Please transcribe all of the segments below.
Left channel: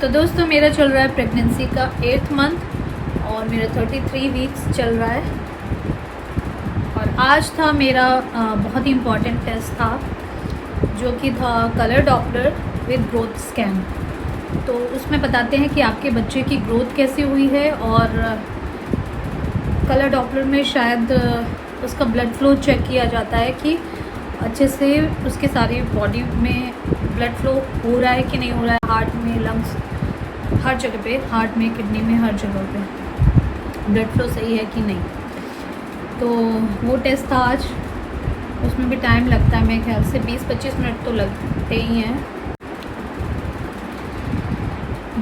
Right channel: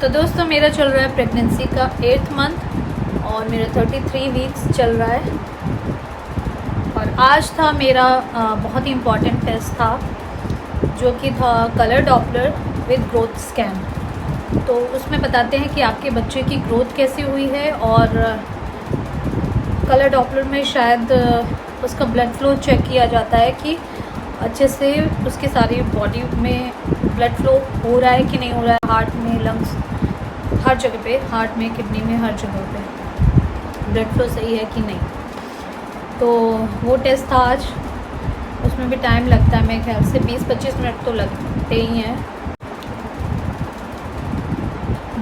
तो दोस्तों मेरा चल रहा है प्रेगनेंसी का 8th मंथ और मेरे 33 वीक्स चल रहा है। और आज था मेरा बहुत ही इम्पॉर्टेंट टेस्ट था जो कि था colour Doppler with growth scan. तो उसमें बताते हैं कि आपके बच्चे की ग्रोथ कैसी हुई है और कलर डॉपलर में शायद उसका ब्लड फ्लो चेक किया जाता है कि अच्छे से उसके सारी बॉडी में ब्लड फ्लो हो रहा है कि नहीं हो रहा है, हार्ट में, लंग्स, हर जगह पे, हार्ट में, किडनी में, हर जगह पे ब्लड फ्लो सही है कि नहीं। तो वो टेस्ट था आज। उसमें भी टाइम लगता है, मेरे ख्याल से 20-25 मिनट तो लगते ही हैं।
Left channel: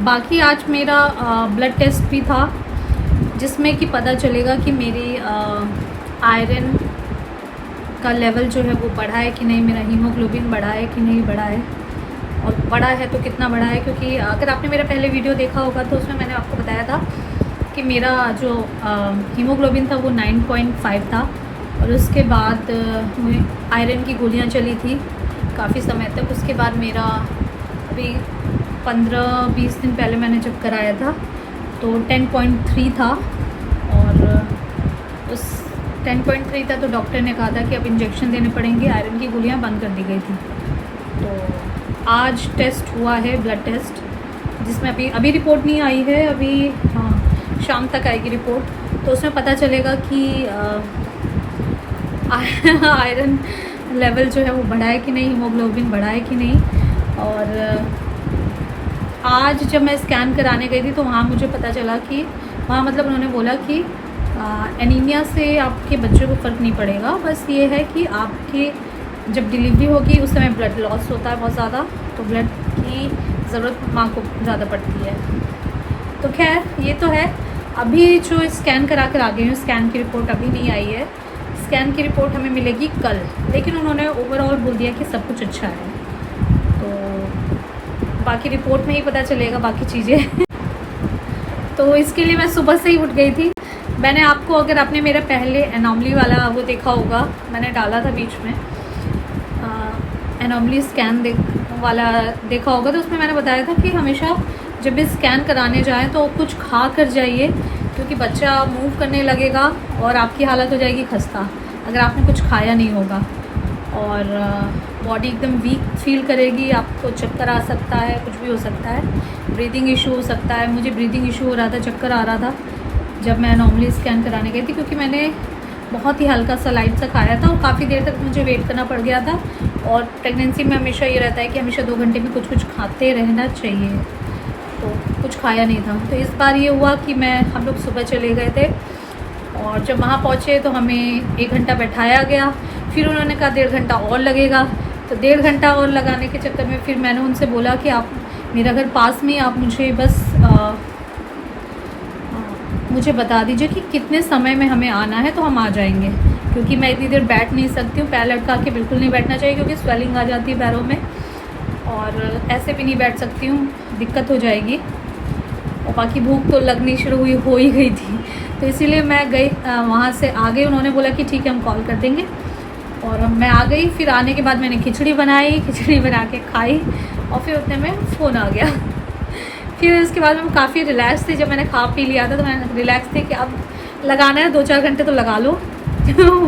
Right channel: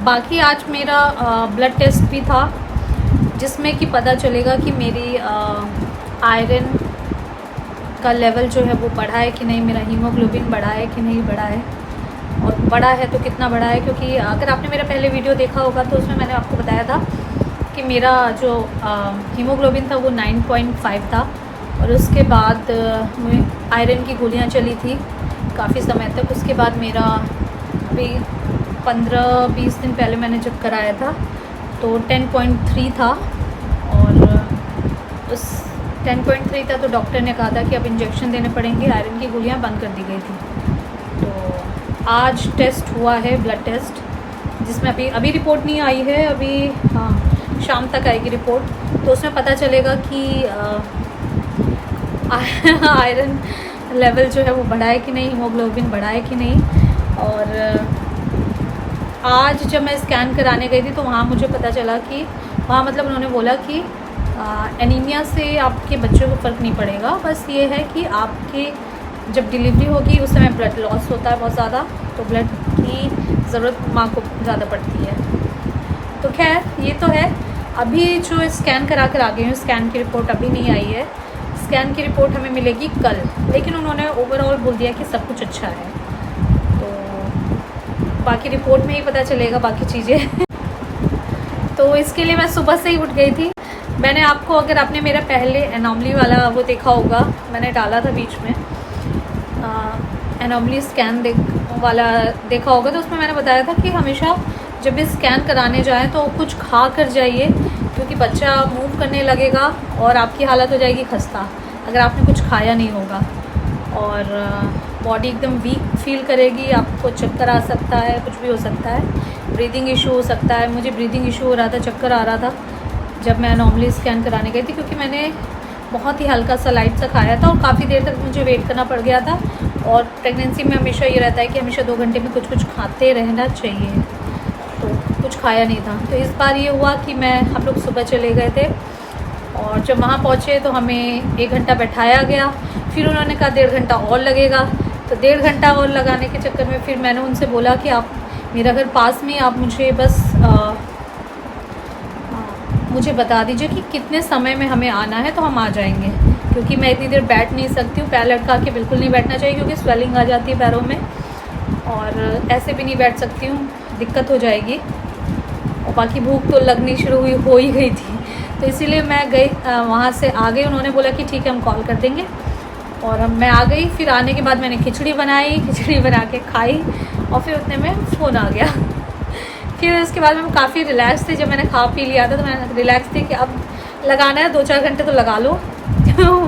बाकी आज मेरा ब्लड टेस्ट भी था जिसमें कि पता चलेगा कि मेरी आयरन का लेवल जो है वो बढ़ा है कि नहीं, मेरा हीमोग्लोबिन बढ़ा है कि नहीं बढ़ा है, और बढ़ा है तो कितना बढ़ा है। क्योंकि अगर आपने मेरा पहले वीडियो देखा होगा तो उसमें मैंने आपको बताया था कि मेरा जो हीमोग्लोबिन था वो 9.5 था और उसके बाद आयरन की गोलियां चली थी काफ़ी समय तक। उसके बाद मेरा अभी 15-20 दिन पहले मैंने जब कराया था तो 10.3 था, और उस 10.3 था तो डॉक्टर ने कहा था कि अब इंजेक्शन देने पड़ेंगे, आयरन की गोलियां बंद कर दी गई थी। तो आज टेस्ट हुआ है, ब्लड टेस्ट, जिसमें अभी रिपोर्ट नहीं आई है, अभी हाँ शाम तक आएगी रिपोर्ट। तो उसमें पता चलेगा कि आयरन लेवल जो है वो बढ़ा है कि नहीं, हीमोग्लोबिन बढ़ा है कि नहीं। और आज जब मैं स्कैन कराने गई थी तो वहाँ मुझे पता चला कि वहाँ मतलब उन्होंने बोला कि एनीमिया से आपके बच्चे को फ़र्क नहीं पड़ेगा, बस ये है कि आपके जब डिलीवरी होगी उस समय ब्लड लॉस होता है बहुत ज़्यादा, तो ब्लड की ज़रूरत माँ को ज़्यादा पड़ती है। तो खैर ये तो है। अभी जो स्कैन करा कर आ गई हूँ, स्कैन की रिपोर्ट अभी नहीं आई है, स्कैन की रिपोर्ट हमें मिलेगी कल। लेकिन उन्होंने ओवरऑल बोल दिया कि सब कुछ अच्छा है, तो बाकी रिपोर्ट में ही पता चलेगा बाकी चीज़ें। तो इसके लिए मैं सुबह से ही उठ गई थी। मैंने आपको, अगर आपने मेरा पहले एनॉमली वाला वो देखा होगा, मैंने डाला था बीच में एनॉमली स्कैन वाला देखा होगा, तो उसमें मैंने बताया था कि हमेशा जब भी स्कैन कराने जाएं तो कुछ खा कर जाइए, क्योंकि बच्चा मूव करने लगेगा और आपकी हालत हो जाएगी खस्ता अगर आपने कुछ खाया नहीं होगा, और बॉडी एकदम वीक फील करेगी, आपको चक्कर आ सकता है, कुछ भी हो सकता है, ब्रीदिंग इशू हो सकता है। मुझे ब्रीदिंग इशू हो रहा था, चक्कर आ रहा था जब मैं नॉर्मली स्कैन कराने गई थी, क्योंकि मैंने बहुत ही हल्का सा लाइट सा खाया था और काफ़ी देर तक मुझे वेट करना पड़ गया था। और प्रेगनेंसी में हमेशा ये रहता है कि हमेशा 2 घंटे में कुछ खाते रहना चाहिए, तो कुछ खाया नहीं था। तो इस बार ये हुआ कि हम लोग सुबह चले गए थे और जब वहाँ पहुँचे तो हमें 1 घंटा बैठाया गया। फिर उन्होंने कहा 1.5 घंटा और लगेगा, तो 1.5 घंटा और लगाने के चक्कर में फिर मैंने उनसे बोला कि आप, मेरा घर पास में, आप मुझे बस मुझे बता दीजिए कि कितने समय में हमें आना है तो हम आ जाएंगे, क्योंकि मैं इतनी देर बैठ नहीं सकती हूँ। पैर लटका के बिल्कुल नहीं बैठना चाहिए क्योंकि स्वेलिंग आ जाती है पैरों में, और ऐसे भी नहीं बैठ सकती हूँ, दिक्कत हो जाएगी। और बाकी भूख तो लगनी शुरू हो ही गई थी, तो इसीलिए मैं गई, वहाँ से आ गई। उन्होंने बोला कि ठीक है हम कॉल कर देंगे, और मैं आ गई। फिर आने के बाद मैंने खिचड़ी बनाई, खिचड़ी बना के खाई, और फिर उतने में फ़ोन आ गया। फिर उसके बाद मैं काफ़ी रिलैक्स थी। जब मैंने खा पी लिया था तो मैं रिलैक्स थी कि अब लगाना है, 2-4 घंटे तो लगा लो,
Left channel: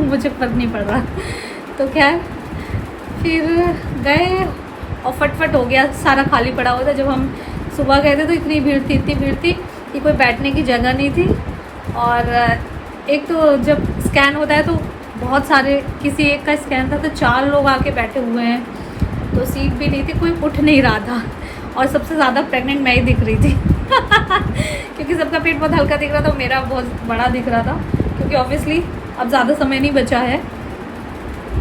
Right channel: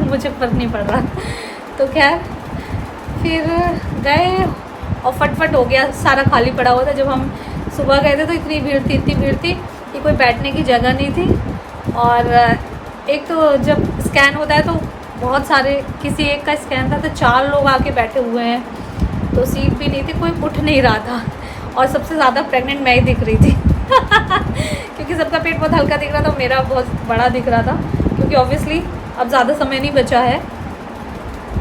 मुझे फ़र्क नहीं पड़ रहा। तो खैर फिर गए और फटफट हो गया, सारा खाली पड़ा हुआ था। जब हम सुबह गए थे तो इतनी भीड़ थी कि कोई बैठने की जगह नहीं थी। और एक तो जब स्कैन होता है तो बहुत सारे, किसी एक का स्कैन था तो 4 लोग आके बैठे हुए हैं, तो सीट भी नहीं थी, कोई उठ नहीं रहा था, और सबसे ज़्यादा प्रेग्नेंट मैं ही दिख रही थी। क्योंकि सबका पेट बहुत हल्का दिख रहा था, मेरा बहुत बड़ा दिख रहा था, क्योंकि ऑब्वियसली अब ज़्यादा समय नहीं बचा है।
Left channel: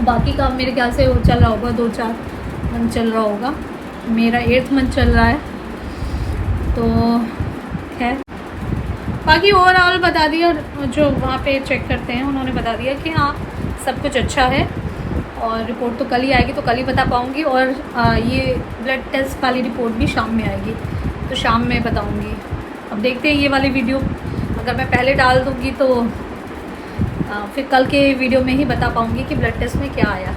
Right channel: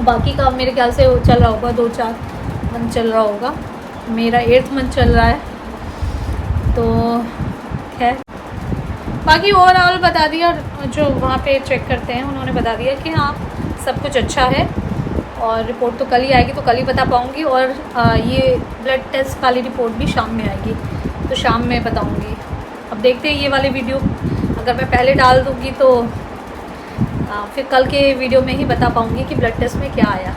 बाकी का मेरे ख्याल से चल रहा होगा, 2-4 मंथ चल रहा होगा, मेरा 8th मंथ चल रहा है। तो खैर बाकी ओवरऑल बता दिया, जो वहाँ पे चेक करते हैं उन्होंने बता दिया कि हाँ सब कुछ अच्छा है, और रिपोर्ट तो कल ही आएगी, तो कल ही बता पाऊँगी। और ये ब्लड टेस्ट वाली रिपोर्ट भी शाम में आएगी, तो शाम में बताऊँगी। अब देखते हैं, ये वाली वीडियो अगर मैं पहले डाल दूँगी तो फिर कल के वीडियो में ही बता पाऊँगी कि ब्लड टेस्ट में क्या आया।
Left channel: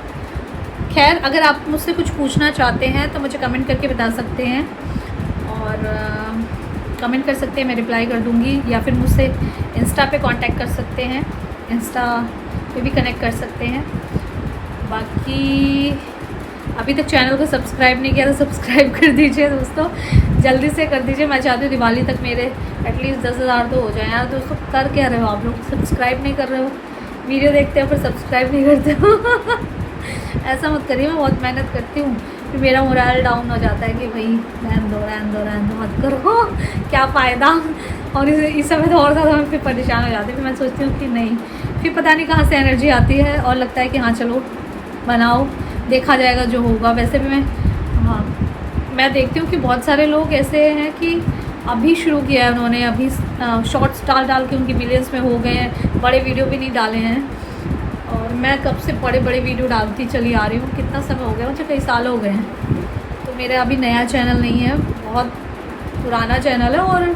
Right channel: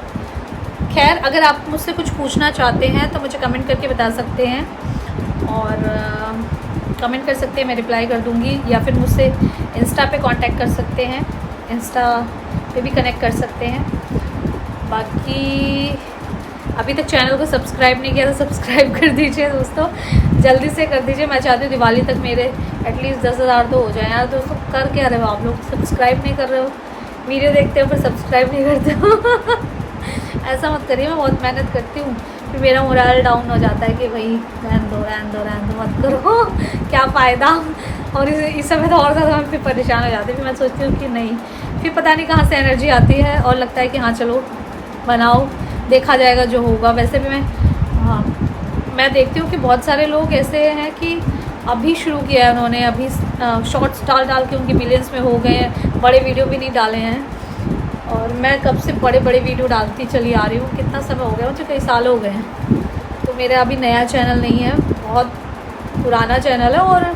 खैर अगर आप मुझसे कुछ पूछना चाहते हैं तो मुझे कमेंट करके बता सकते हैं। और कमेंट कर सकते हैं, मैं रिप्लाई कर दूँगी, या फिर मुझसे इंस्टा पे कांटेक्ट कर सकते हैं, इंस्टा पे भी कनेक्ट कर सकते हैं। बाकी अभी तक चैनल को सब्सक्राइब नहीं किया तो सब्सक्राइब कर दीजिए दोस्तों, जल्दी से कर दीजिए। मैं चाहती हूँ दिवाली तक मेरे एटलीस्ट 10,000 तो हो जाए। यार दोस्तों कर क्या रहे हो आप लोग, सब्सक्राइब नहीं कर रहे हो, वीडियो देखते हो पर सब्सक्राइब नहीं करते हो ऐसा मत करिए, मैं बहुत मेहनत करती हूँ, फिर मेरा मोरल डाउन हो जाता है कि भाई रहन दो मत करो क्या फ़ायदा। और इस समय तो और ज़्यादा मैं फिर परेशान हो जाती हूँ, फिर मैं सोचती हूँ कि नहीं, फिर पता नहीं कहाँ से एनर्जी आती है और लगता है कि हाँ चलो बनाओ, देखा जाएगा जो होगा। वैसे भी मैं देखती हूँ कि बहुत सारे लोग ऐसे हैं कि अभी शुरू किया है उन्होंने, अभी शॉर्ट्स डाल के उनकी मिलियंस में हो गए हैं, बड़े वीडियो भी नहीं डाले हैं। और मैं कब से बड़े बड़े वीडियो डालती चली आ रही हूँ, कितना समय हो गया, मुझे कई साल हो गए हैं। तो मेरा अभी नया चैनल नहीं है, बहुत पुराना चैनल है। और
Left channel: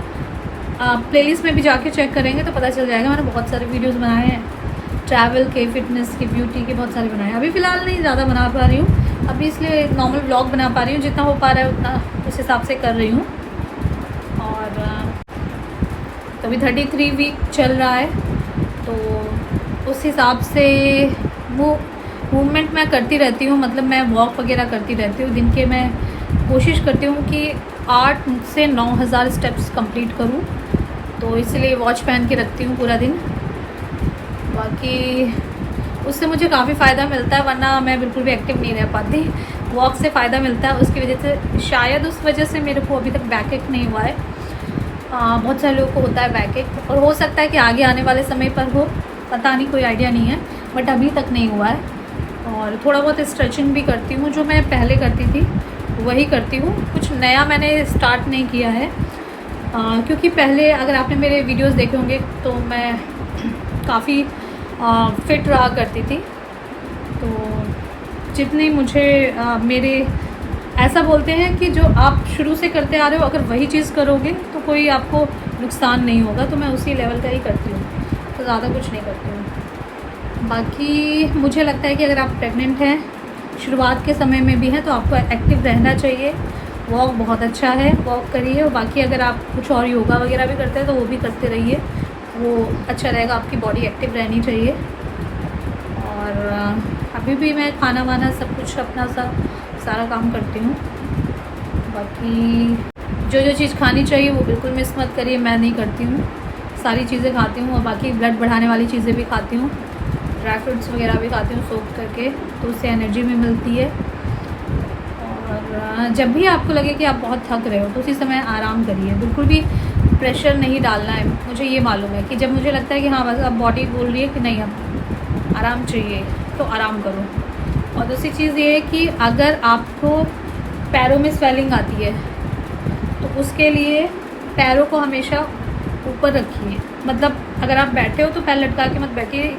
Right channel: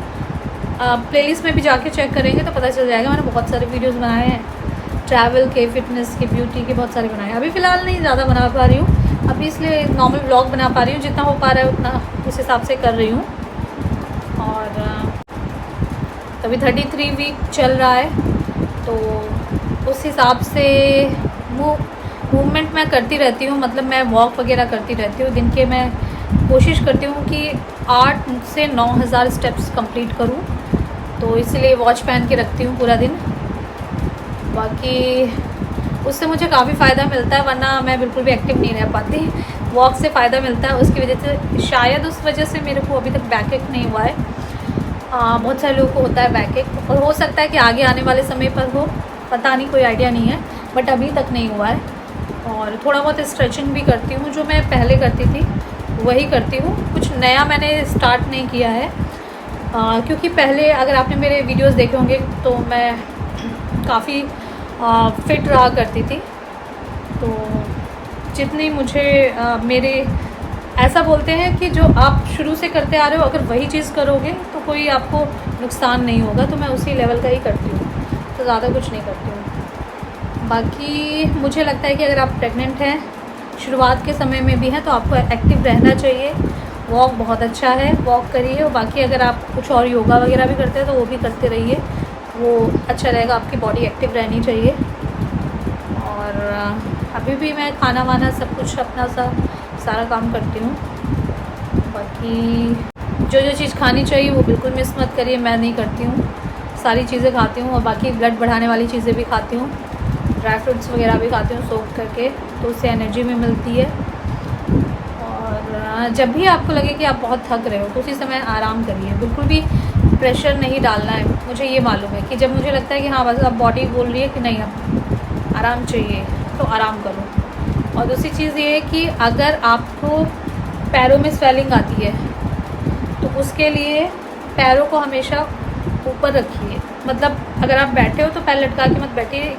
प्लेलिस्ट में भी जाके चेक करेंगे तो पता चल जाएगा, मैंने बहुत सारे वीडियोस बनाए हैं, ट्रैवल के, फिटनेस के, ब्यूटी के, बहुत सारे बनाए हैं। अभी फ़िलहाल नहीं ज़्यादा बना पा रही हूँ, अभी इसलिए नॉर्मल व्लॉग बना पा रही हूँ, जितना हो पा रहा है उतना उस हिसाब से कर रही हूँ। और अभी 33 वीक चल रहा है, तो उस हिसाब से मूवमेंट मैं करती रहती हूँ, मतलब मैं वॉक वगैरह करती रहती हूँ। दिन के मैं कोशिश करती हूँ कि 8 से 9,000 स्टेप्स कंप्लीट करूँ, तो इसलिए वॉच पहन के रखती हूँ पूरा दिन। बाकी उससे मुझे काफ़ी फ़ायदा मिलता है, वरना मैं बिल्कुल भी एक्टिव नहीं रह पाती। वॉक से फ़ायदा मिलता है, उसकी वजह से, शायद उस वजह से मेरे को अभी तक बैक एक नहीं हुआ है। बहुत सारे लोगों को होता है बैक एक, और हो सकता है कि आगे आने वाले समय पर हो, पता नहीं, कोई आइडिया नहीं है, बट अभी तक नहीं हुआ है। और थोड़ा बहुत स्ट्रेचिंग भी करती हूँ, जो मैं पहले करती थी वही करती हूँ, कुछ नया मैंने स्टार्ट नहीं किया है। क्योंकि पहले अगर आपने मेरे वीडियोस देखे होंगे तो मैं काफ़ी फिट रहा करती थी, तो जितनी मुझे मेरे ऐसा बोलते हैं कि जो आप शुरू से करते आ रहे हो, अगर वही चीज़ करोगे तो कोई आपको नुकसान नहीं होगा, तो मैं उसी लेवल का ही करती हूँ, तो ज़्यादा कुछ नहीं करती हूँ। बाकी मुझे लगता है कि अगर आप प्रेग्नेंट हैं, शुरुआत के समय में भी हैं, तो आपको एक्टिव रहना चाहिए। वॉक बहुत अच्छा है, वॉक करिए। और बाकी अगर आप कुछ और योगा वगैरह भी करते हैं तो वो भी करते रहिए, वो अच्छा रहेगा, आपकी बॉडी एक्टिव रहनी चाहिए। और अभी भी मैं खाना वाना सब कुछ अपना सारा काम करती हूँ। बाकी जो चीज़ खानी चाहिए वो बिल्कुल मिस मत करिए, मैं नहीं करती हूँ, सारी चीज़ें खाती हूँ। और बाकी ब्लड बढ़ाने वाली चीज़ें भी खाती हूँ, ड्राई फ्रूट्स वगैरह भी खाती हूँ सोक करके, तो उससे एनर्जी भी मिलती है। और जब भी आपको लगे कि आप बहुत थक रहे हो तो उसी समय आराम करिए, बिल्कुल भी प्रेशर नहीं डालना है। मुझे ये मालूम है कि जब मुझे लगता है कि हाँ बस अब बॉडी बोल रही है कि नहीं अब आराम चाहिए, तो आराम करो। और दूसरी चीज़ ये है कि अगर आपको पैरों में स्वेलिंग आती है तो उसके लिए पैरों को हमेशा ऊपर रखिए, मतलब अगर आप बैठे हो तो पैर लटका के मत बैठिए,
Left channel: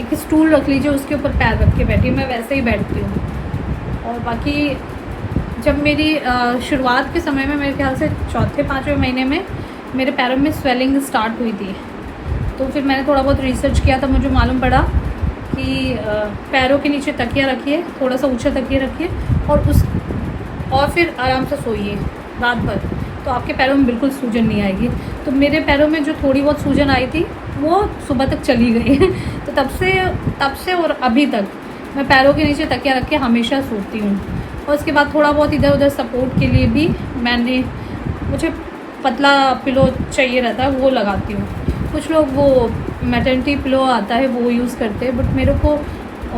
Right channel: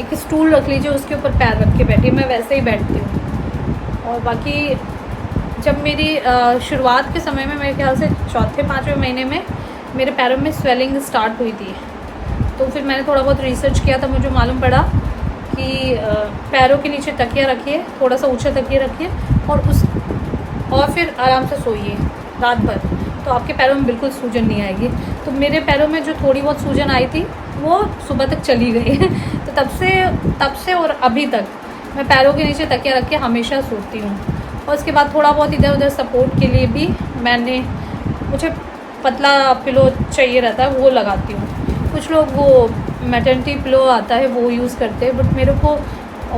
एक स्टूल रख लीजिए, उसके ऊपर पैर रख के बैठिए, मैं वैसे ही बैठती हूँ। और बाकी जब मेरी शुरुआत के समय में, मेरे ख्याल से 4-5वें महीने में मेरे पैरों में स्वेलिंग स्टार्ट हुई थी, तो फिर मैंने थोड़ा बहुत रिसर्च किया, तो मुझे मालूम पड़ा कि पैरों के नीचे तकिया रखिए, थोड़ा सा ऊंचा तकिया रखिए, और फिर आराम से सोइए रात भर, तो आपके पैरों में बिल्कुल सूजन नहीं आएगी। तो मेरे पैरों में जो थोड़ी बहुत सूजन आई थी वो सुबह तक चली गई तो तब से और अभी तक मैं पैरों के नीचे तकिया रख के हमेशा सोती हूँ। और उसके बाद थोड़ा बहुत इधर उधर सपोर्ट के लिए भी मुझे पतला पिलो चाहिए रहता है, वो लगाती हूँ। कुछ लोग वो मैटर्निटी पिलो आता है वो यूज़ करते हैं, बट मेरे को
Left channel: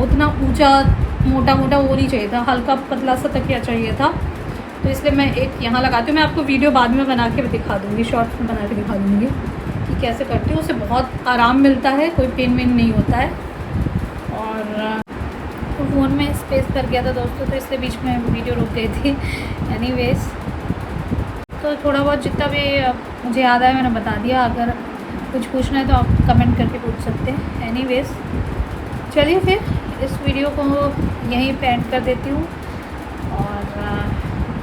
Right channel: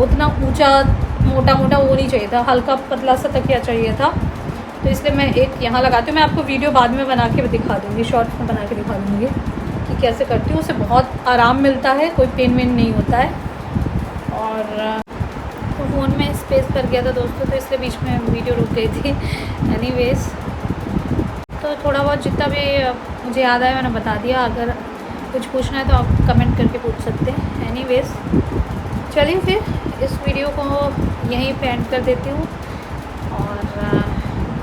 उतना ऊंचा मोटा वो नहीं चाहिए था, हल्का पतला सा तकिया चाहिए था, तो इसलिए मैं एक यहाँ लगाती हूँ। मैं आपको वीडियो बाद में बना के दिखा दूँगी, शॉर्ट्स में बना के दिखा दूँगी कि कैसे करती हूँ। उससे बहुत आराम मिलता है, कोई पेन वेन नहीं होता है। और तो फ़ोन में स्पेस कर गया था दोस्तों, तो इसलिए बीच में वीडियो रुक गई थी। एनीवेज, तो थोड़ा बहुत जितना भी मुझे याद आया मैंने बता दिया, अगर कुछ पूछना है तो आप कमेंट करके पूछ सकते हैं। एनीवेज, चलिए फिर इस वीडियो को यहीं पे एंड कर देती हूँ। और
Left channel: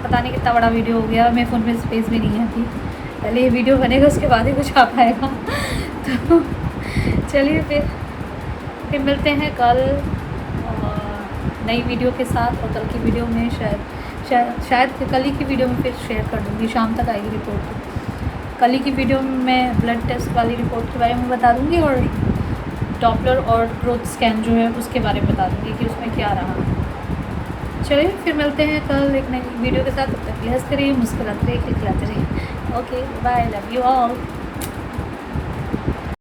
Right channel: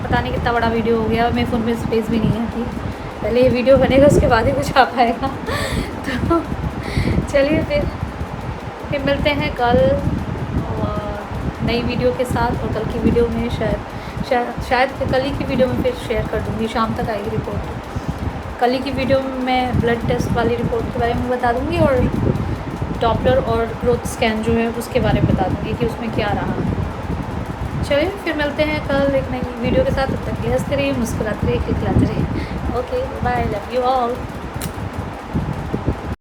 पता नहीं कितना बड़ा वीडियो हो गया, मेरे फ़ोन में स्पेस भी नहीं है थी, पहले ये वीडियो बनेगा उसके बाद ही कुछ आ पाएगा तो चलिए फिर मिलते हैं कल नई वीडियो के साथ। और कल की वीडियो में शायद कल ही की वीडियो में फिर शेयर कर दूँगी, शाम तक आएगी रिपोर्ट। कल की वीडियो में मैं ब्लड टेस्ट वाली रिपोर्ट के बारे में बता दूँगी और डॉपलर और ग्रोथ स्कैन जो है उसके बारे में बता दूँगी कि उसमें क्या रहा। चलिए फिर मिलते हैं कल एक नई वीडियो के साथ। तब तक हंसते रहिए, मुस्कुराते रहिए, खिलखिलाते रहिए। Okay bye, love you all.